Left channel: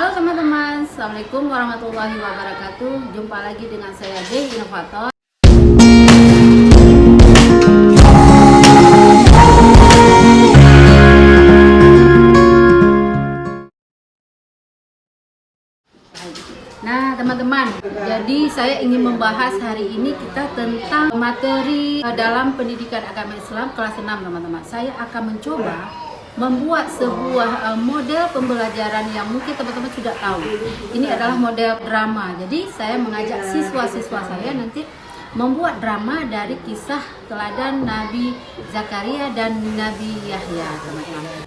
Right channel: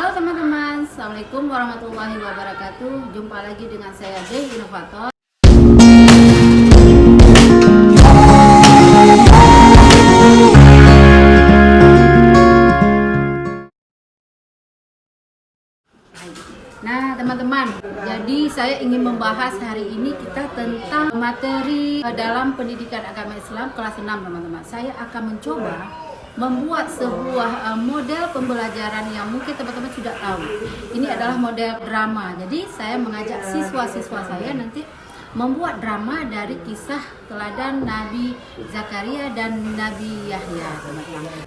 Halo teman-teman, Assalamualaikum warahmatullahi wabarakatuh. Jumpa lagi dengan saya Dewi Inovator. Nah teman-teman, jadi saya ingin membahas hari ini kita tentang materi dalam pendidikan agama Islam kelas 6 teman-teman. Saya akan mencoba membuat sebuah model pembelajaran yang mungkin teman-teman sudah tahu. Ini adalah model drama. Jadi saya mengajak siswa-siswa saya nanti membuat drama dari kisah teladan Nabi Zakaria dan Nabi Yahya, teman-teman.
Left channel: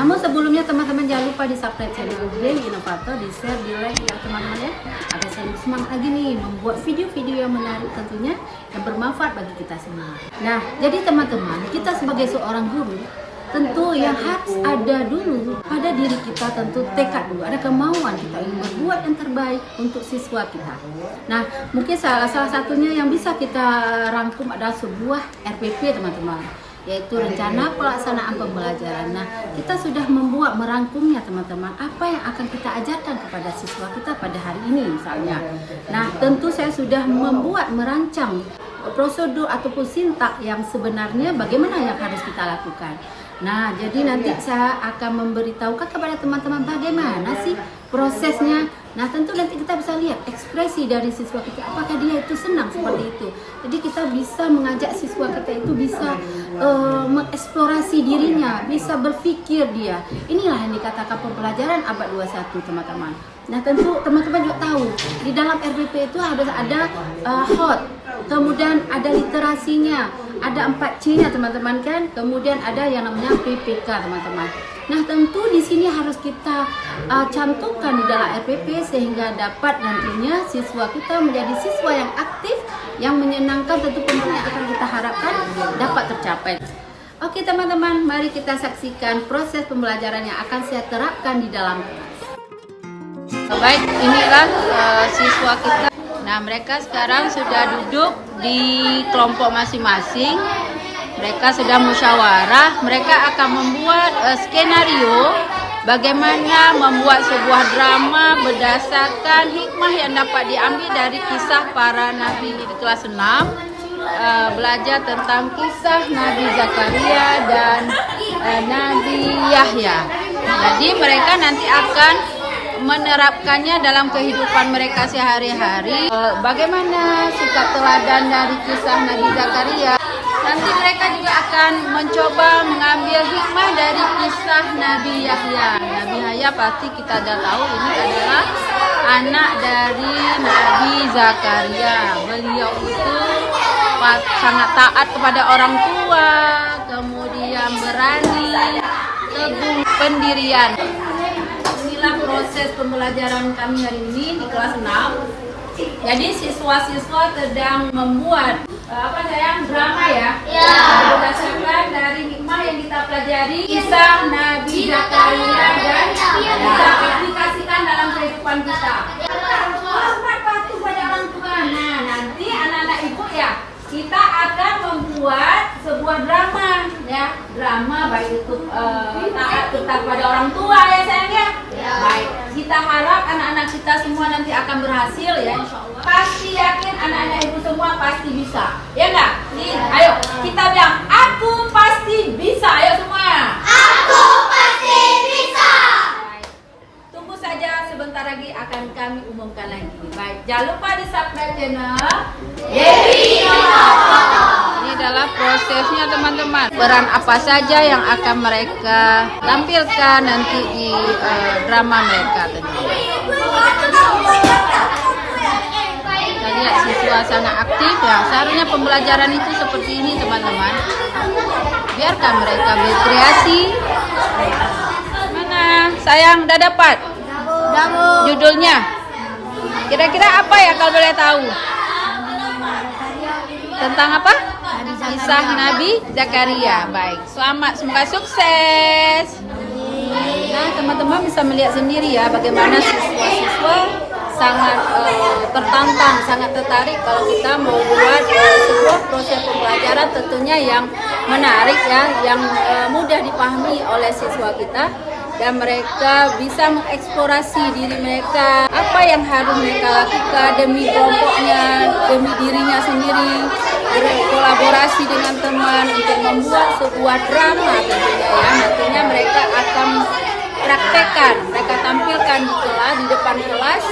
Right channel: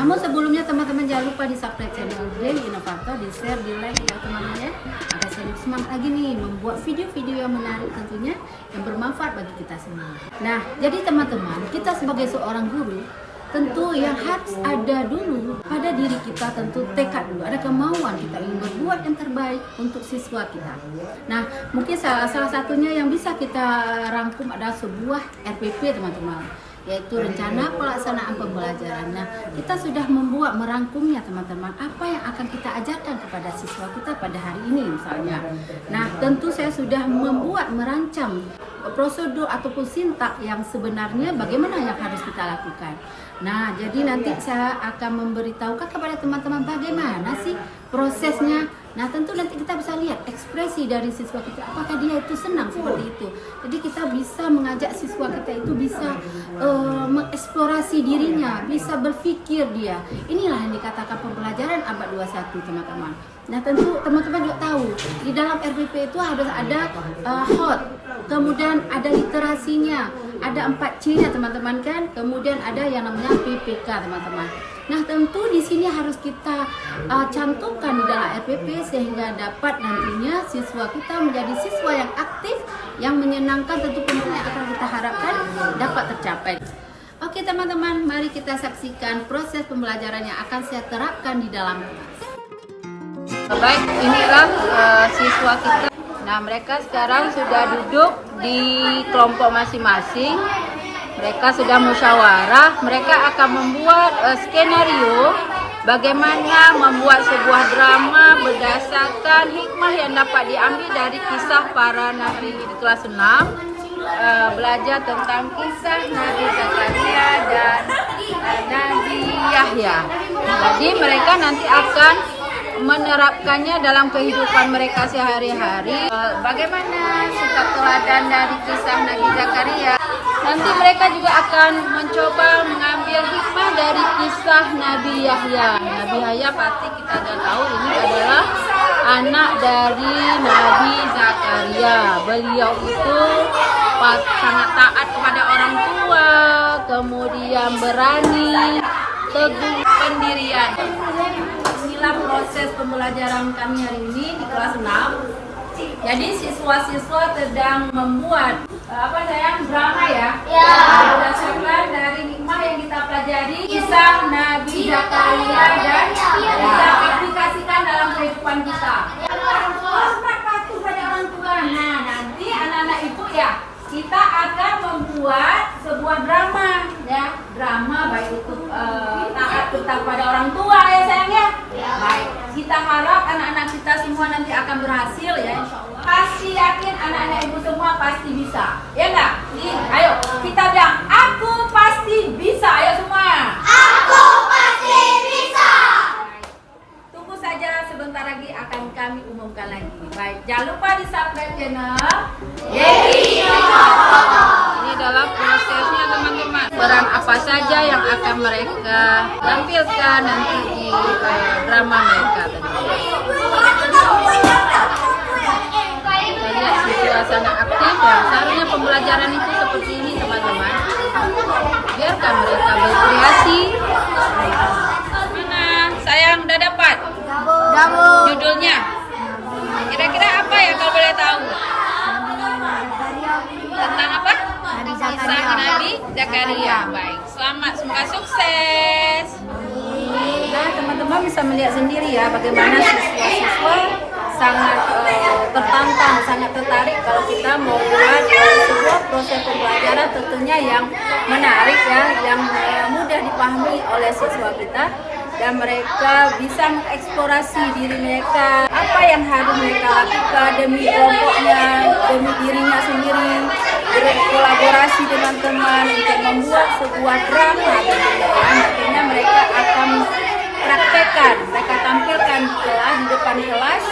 Namun sebelumnya teman-teman jangan lupa di subscribe channel Dewi Inovator, di share, di like ya teman-teman ya, agar saya semangat lagi nih membuat video-video yang menarik tentunya, yang bermanfaat bagi kita semua. Nah, jadi teman-teman, kita sebagai seorang guru tentu yang harus ada dulu pada diri kita, tentu tekad dulu, ada kemauan kita ingin berbuat yang terbaik untuk siswa kita. Nah, mungkin salah satunya yang bisa kita rangkum adalah sebuah RPP teman-teman, yaitu rencana pelaksanaan pembelajaran. Nah, kita sudah merangkumnya teman-teman, apa yang akan kita ajarkan kepada siswa kita pada hari ini misalnya. Nah, tentu saya sudah merancang prosedur ataupun sintak yang sebenarnya bagaimana yang harus kita lakukan. Nah, jadi nanti saya akan memberitahukan kepada teman-teman bagaimana sih prosesnya. Nah, tentu nanti kita bisa lihat ekspresi dari siswa kita, apakah dia itu senang seperti itu. Jadi kita bisa mengajak siswa kita itu bisa mengeksplorasi dirinya, bisa berpikir dia. Inilah yang dikatakan pembelajaran abad 21 teman-teman. Nah, tentu teman-teman juga tahu di dalam RPP itu harus ada hot, kemudian ada literasinya, ada 4C-nya teman-teman kan, kemudian ada yang namanya PPK teman-teman. Nah, tentu di sini harus kita cantumkan di dalam RPP sehingga dapat nantinya siswa kita menjadi siswa yang aktif, yang menyenangkan, tentu pembelajaran yang akan kita harapkan dapat tercapai. Oke teman-teman, mari kita saksikan proses pembelajaran yang akan saya terapkan di dalam kelas. Baik, inilah siswa kita. Nah, mereka sekarang sudah duduk di kelompok masing-masing. Mereka sudah musyawarah. Mereka akan membuat skenario bagaimana membuat sebuah drama berdasarkan hikmah yang dapat diambil dari kisah para nabi di kelas 6. Belajar tentang kisah Nabi Zakaria dan Nabi Yahya. Jadi mereka nanti akan menerapkannya dalam kehidupan mereka sehari-hari. Bagaimana sikap teladan dari kisah Nabi Zakaria. Nanti mereka juga akan mencoba mengambil hikmah dari kisah Nabi Yahya. Nabi Yahya pasti kita sudah tahu ini adalah anak dari Nabi Zakaria. Beliau itu sangat taat kepada orang tua, kemudian berani, teguh pendirian. Inilah proses pembelajaran kami hari ini di kelas 6. Jadi siswa-siswa sedang membuat drama ya. Berdasarkan dari hikmah yang kita pelajari kisah Nabi Zakaria dan kita aplikasikan dalam kehidupan kita. Hormat patuh pada orang tua. Nah, nanti anak-anak ibu ya, kita akan membuat sebuah drama ya, drama baik itu taat kepada orang tua ya sayang ya. Baik, kita harap anak-anak kita semua nanti akan berhasil ya, insyaallah. Pasti yakin anak-anak ibu semua pasti bisa, ya enggak? Ayo kita bilang aku pasti bisa, ayo semua. Aku pasti bisa. Baik. Tunggu saja, sebentar lagi akan kami umumkan lagi. Baik, jangan lupa di subscribe channel Dewi Inovator. Ini adalah prosesnya teman-teman. Peran apa saja yang akan mereka tampilkan nanti di drama mereka tentunya. Kita lihat siswa sangat aktif ya. Seharusnya pembelajaran itu seperti ini teman-teman. Biarkan mereka berkreasi. Mana? Sayang udah dapat? Judulnya? Kira-kira apa ya kalau boleh tahu? Tentang apa? Kisah Nabi Zakaria. Baik, selamat, semoga sukses. Nah, teman-teman bisa melihat sendiri ya bagaimana siswa-siswa sangat tertantang, sangat tertarik kalau kita mau buat sebuah proses pembelajaran tentunya yang menarik ya, yang mudah dipahami oleh siswa kita. dan mereka bisa mengeksplorasi diri mereka, apa yang harus mereka lakukan demi kelompoknya, demi dirinya sendiri, berkolaborasi dengan teman untuk membuat sebuah drama tentunya ya. Nantinya mereka akan praktekkan, mereka tampilkan di kelas, di depan kelas.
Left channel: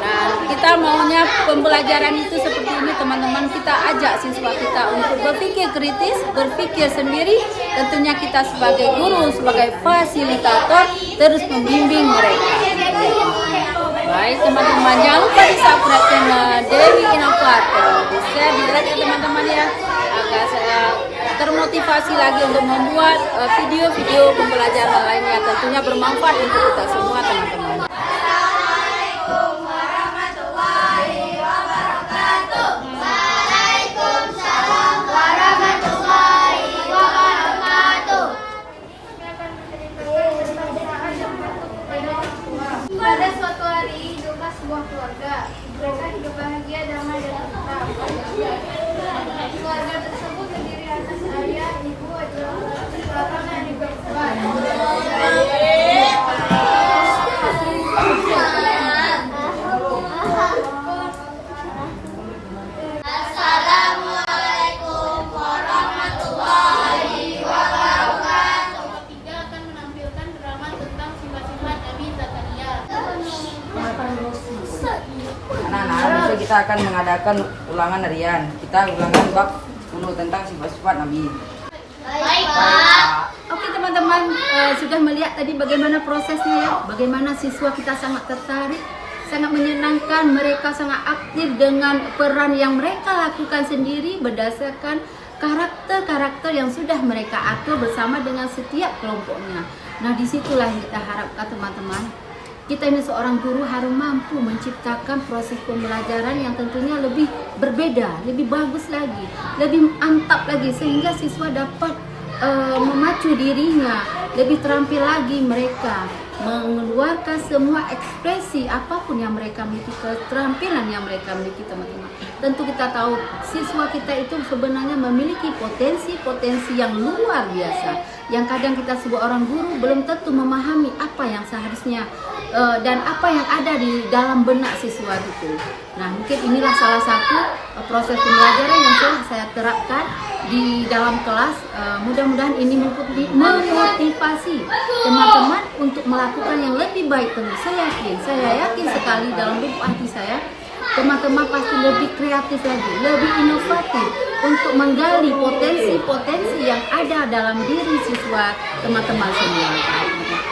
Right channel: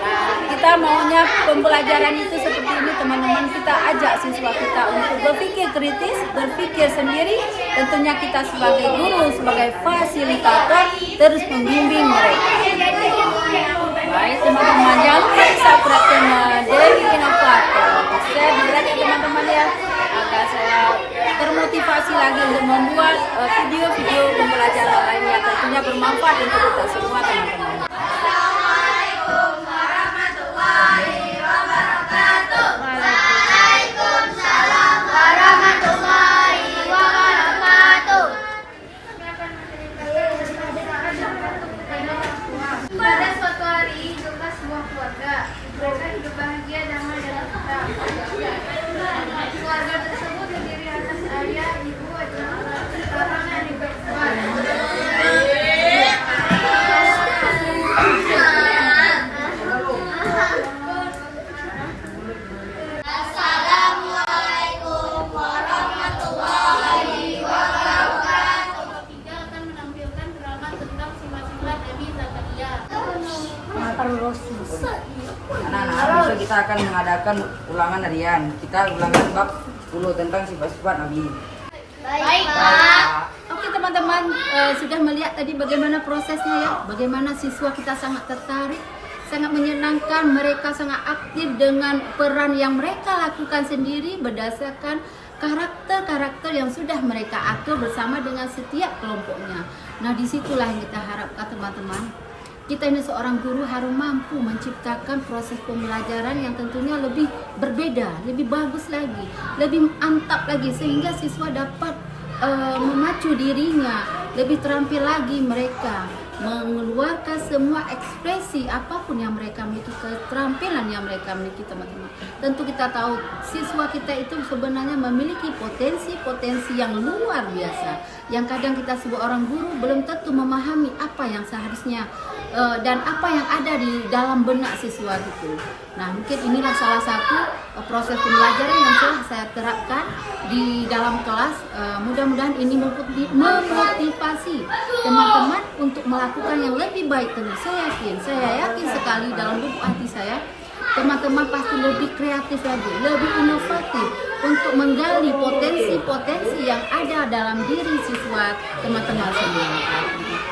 Nah, kita maunya pembelajaran itu seperti ini teman-teman, kita ajak siswa kita untuk berpikir kritis, berpikir sendiri. Tentunya kita sebagai guru, sebagai fasilitator terus membimbing mereka. Baik teman-teman, jangan lupa di subscribe channel Dewi Inovator, di-share, di-like ya teman-teman ya, agar saya termotivasi lagi untuk membuat video-video pembelajaran lainnya, tentunya bermanfaat untuk kita semua teman-teman. Assalamualaikum warahmatullahi wabarakatuh. Waalaikumsalam warahmatullahi wabarakatuh. Pada suatu hari hiduplah sebuah keluarga. Mereka hidup bahagia, damai dan tentram. Keluarga tersebut terdiri atas ayah, ibu, seorang adik perempuan. Assalamualaikum warahmatullahi wabarakatuh. Tiga akan menampilkan drama tentang sifat-sifat Nabi Zakaria. Anak-anak, besok kita akan mengadakan ulangan harian. Kita ulangan bab 10 tentang sifat-sifat Nabi. Baik, Pak. Oke teman-teman, sudah melihat tadi bagaimana prosesnya ya, bagaimana siswa kita sangat tertarik, sangat menyenangkan, mereka sangat aktif dengan peran yang mereka lakukan sendiri berdasarkan karakter-karakter yang sudah mereka atur bersama dengan setiap kelompoknya. Nah, disitulah yang kita harapkan teman-teman. Kita ini seorang guru harus mampu menciptakan proses pembelajaran yang tentunya lebih berbeda, lebih bagus lagi, lebih mantap lagi, sehingga siswa dapat memacu dirinya, lebih terampil lagi mereka mengeluarkan semua ekspresi apapun yang mereka miliki, keterampilan yang mereka miliki teman-teman. Tentu kita tahu siswa kita itu sebenarnya memiliki potensi-potensi yang luar biasa, yang kadang kita sebagai orang guru belum tentu memahami apa yang seharusnya dan apa yang ada di dalam benak siswa itu. Nah, mungkin inilah salah satu proses pembelajaran yang telah saya terapkan di dalam kelas. Mudah-mudahan ini memotivasi teman-teman untuk melakukan yang lebih baik. Tentu saya yakin sekali dalam lubuk hati saya, teman-teman pasti lebih kreatif lagi, lebih inovatif untuk menggali potensi-potensi yang ada dalam diri siswa teman-teman semua.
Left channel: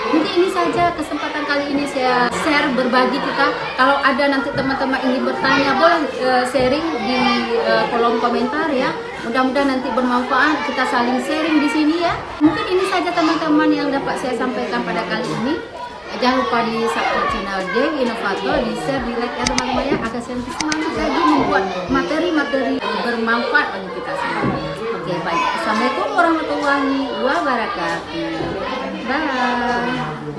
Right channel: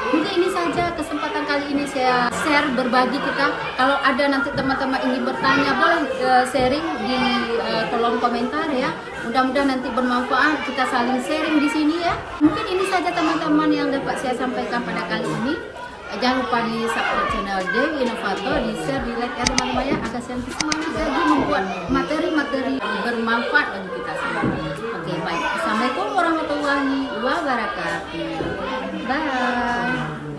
Mungkin ini saja kesempatan kali ini saya share, berbagi kita. Kalau ada nanti teman-teman ingin bertanya, boleh sharing di kolom komentar ya. Mudah-mudahan nanti bermanfaat, kita saling sharing di sini ya. Mungkin ini saja teman-teman yang dapat saya sampaikan pada kali ini. Jangan lupa di subscribe channel Dewi Inovator, di share, di like ya teman-teman ya, agar saya lebih semangat lagi membuat materi-materi bermanfaat bagi kita semua. Oke, baik. Assalamualaikum warahmatullahi wabarakatuh. Bye.